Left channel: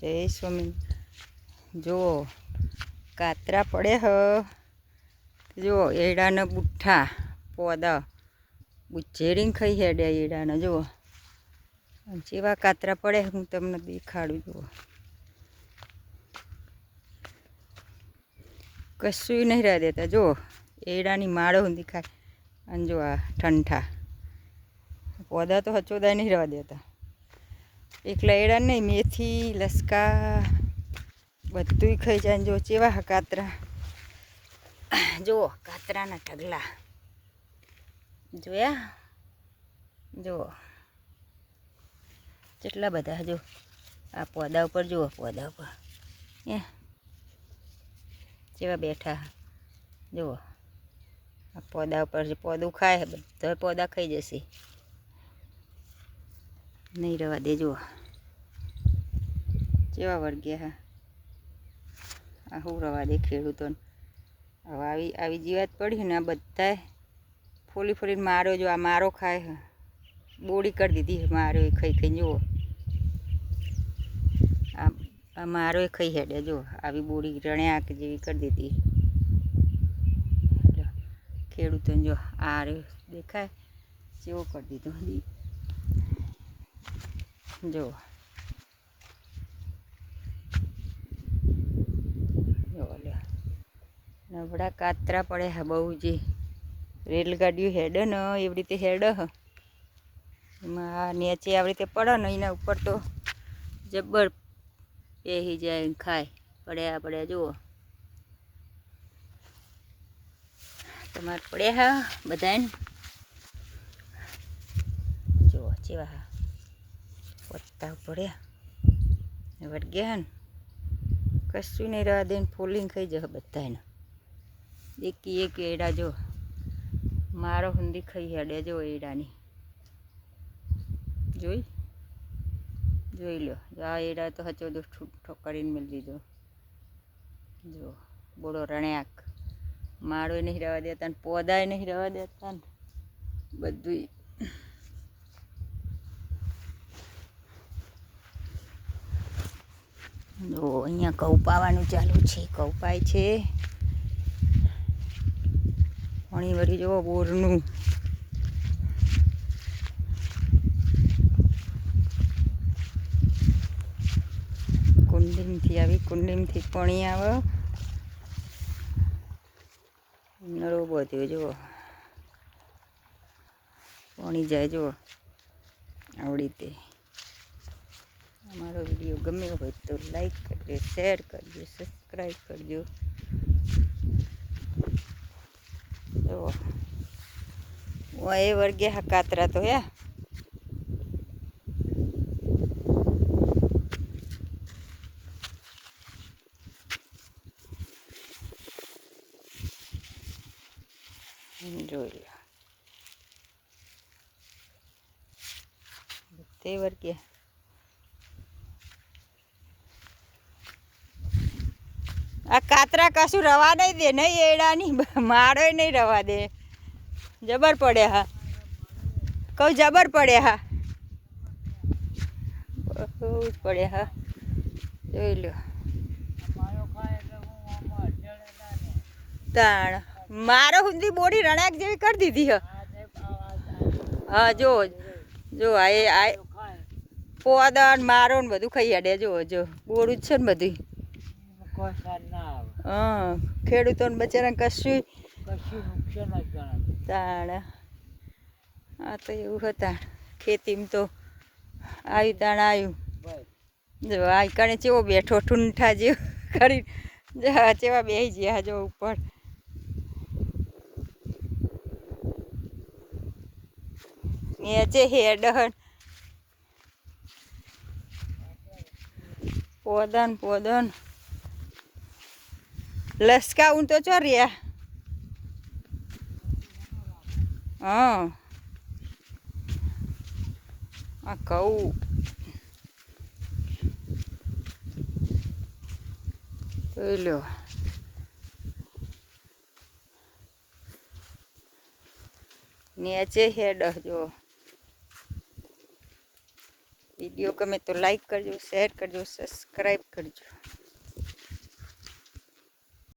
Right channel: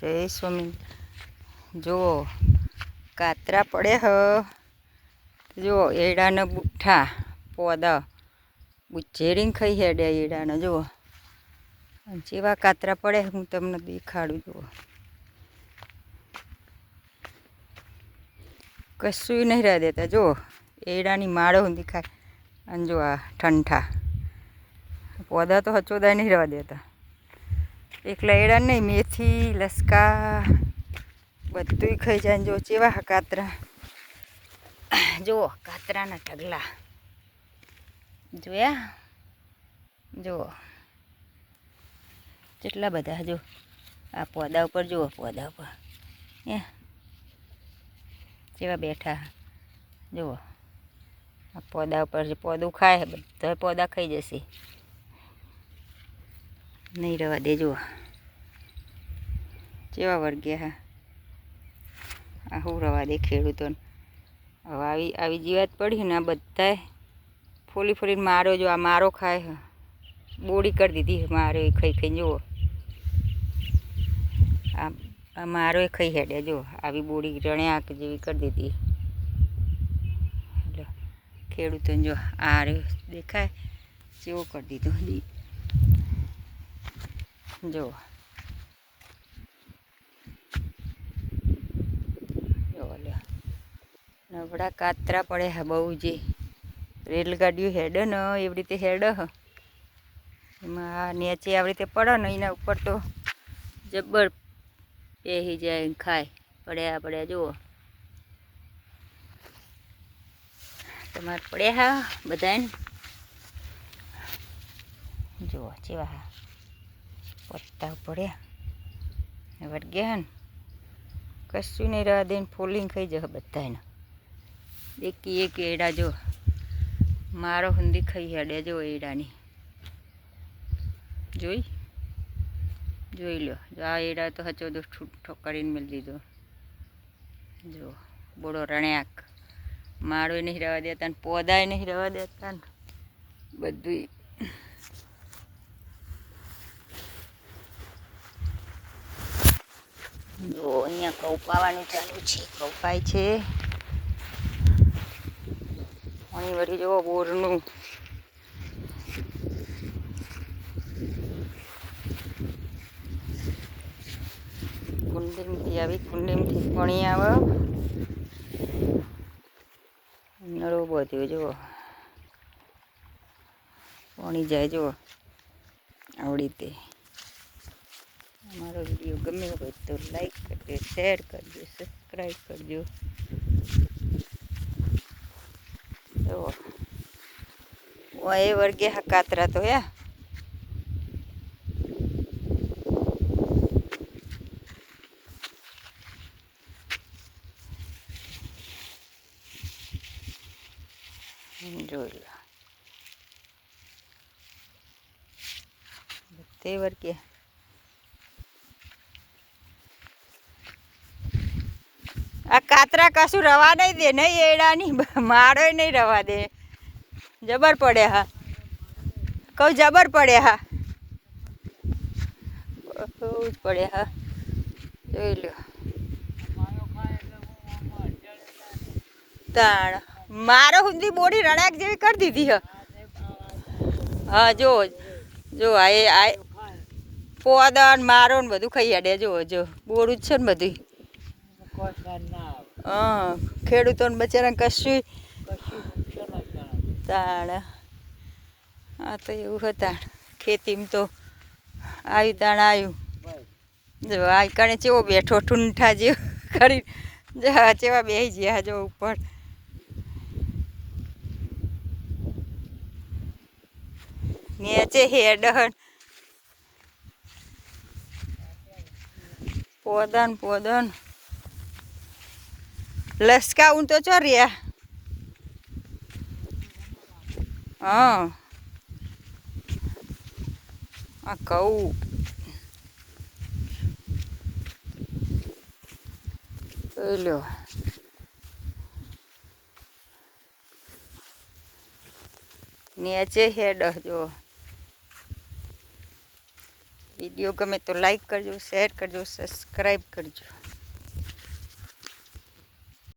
જય સ્વામી. જુઓ કાતરા પડે હ. જુઓ એડાના બુઠ્ઠા પોદા બુચેરીને ખાઈ હેડે એડાના. જુઓ જેવા કાતરા પડે હું તમને દેખાડું. જુઓ કશું નહીં રહ્યા દેતા. જુઓ એડાની માળો હું દેખાય. અને જો આ ઠંઠા પોદા તો હચોદાય નહીં રહેવા દેતા. એકલા એડા નહીં, મેથી લસકા બધું ખાઈ જાય. જો ચેવા કાતરા. જુઓ કાતરાના ઢગલા જોયા. જુઓ કેટલા બધા. જો આ પોદા ઉપર જુઓ, પોદા ઉપર કેવા બેઠા. જુઓ આ પોદા ઉપર જે પોદું ખાય બધા પોદા ખાઈ જશે, નહીં રહેવા દે. જુઓ કેવા વર્ગ્યા હા. આ શું રવા દે ખેડૂતોને. હવે આવી જીવાત પડી ને આ બધાએ ફોલી ફોલીને મારો. જો આ મારો ખાય, બોડી કરી દીધી મારો એ ખાઈ ખાઈને. જુઓ આ મારો એ ખાઈ હેડ્યા. જો આવી બોડી રણ્યાક જેવી કરી દીધી ખેડૂતોને. જો આ રે દેખાય જેવો કરી દીધું. જો નબળા કાતરા પડે હા બહુ. જે રેલગાડીઓ હેડે ને એવી રીતે હેડે હ. એમાં નીચે આવી રીતે પડે ને એના ઉપર તો જબ્બર પહેરી જાય ખાય. પડ્યા પડ્યા. જુઓ તમારે પડ્યા હા બધાને. જુઓ જેવા હા પત્તા પડ્યા વર્ગ્યા ને. કશું નહીં રહેવા દે. ફોલીને ખાઈ જશે બધાને. એકી એક એડા. જો મારો હુંદી ખાઈ હેડે. જો એડાની જોઈ લો. જો આ એડા તો હચો દો ઠૂઠો કરીને મેળ દીધો. જો બોડો રણ્યાક માળો નહીં રહેવા દેતા ને પોદાય નહીં રહેવા દેતા ને બધું. જો અહીંયા ઘઉં પાવાની ચાલુ છે. ઘઉં પાય છે. પાણી વળી જુઓ બોરનું. કુંડીમાંથી આવી, કુંડીમાંથી પાણી આવે. નળો બધું જુઓ પાણી જાય. જુઓ આવડી રીતે. અમારો વિડીયો ગમ્યો હોય તો લાઈક કરજો, શેર કરજો, સબસ્ક્રાઈબ કરજો. જુઓ એ વર્ગે હા કાતરા તો હે. જોઈ લો બધે વર્ગે. આ કાતરા કશું રવા નહીં દે. નહીં એડાની માળો નહીં રવા દે. જબર પડે હા. કહું જબર પડે હા. બહુ જ પડે હા. જોઈ લો તાણ મારો હુંદી બોડી રણાક જેવી કરી દીધી હ. હા જો જો આ પોદા મારો ને બધું ખાઈ હેડે. જો બોડું જ છે ને બધું. હા ખેડૂતોને બચારા કશું તાણ. હા તો એવું હતા ખેતીમાં તો આવ્યું તાણ આવ્યું. જો આ કણે ચેવો બેઠો ઠૂંઠા જેવો કરી. ચેવા બેસી ગયા જો ઉપર. નીચે હેડ પોદન પોદન લસકા હું તો ચો રહ્યા. હા આ કહું જોઈ લો. નીચે હેડ જો. વિડીયો ગમે તો લાઈક કરજો, શેર કરજો, સબસ્ક્રાઈબ કરજો.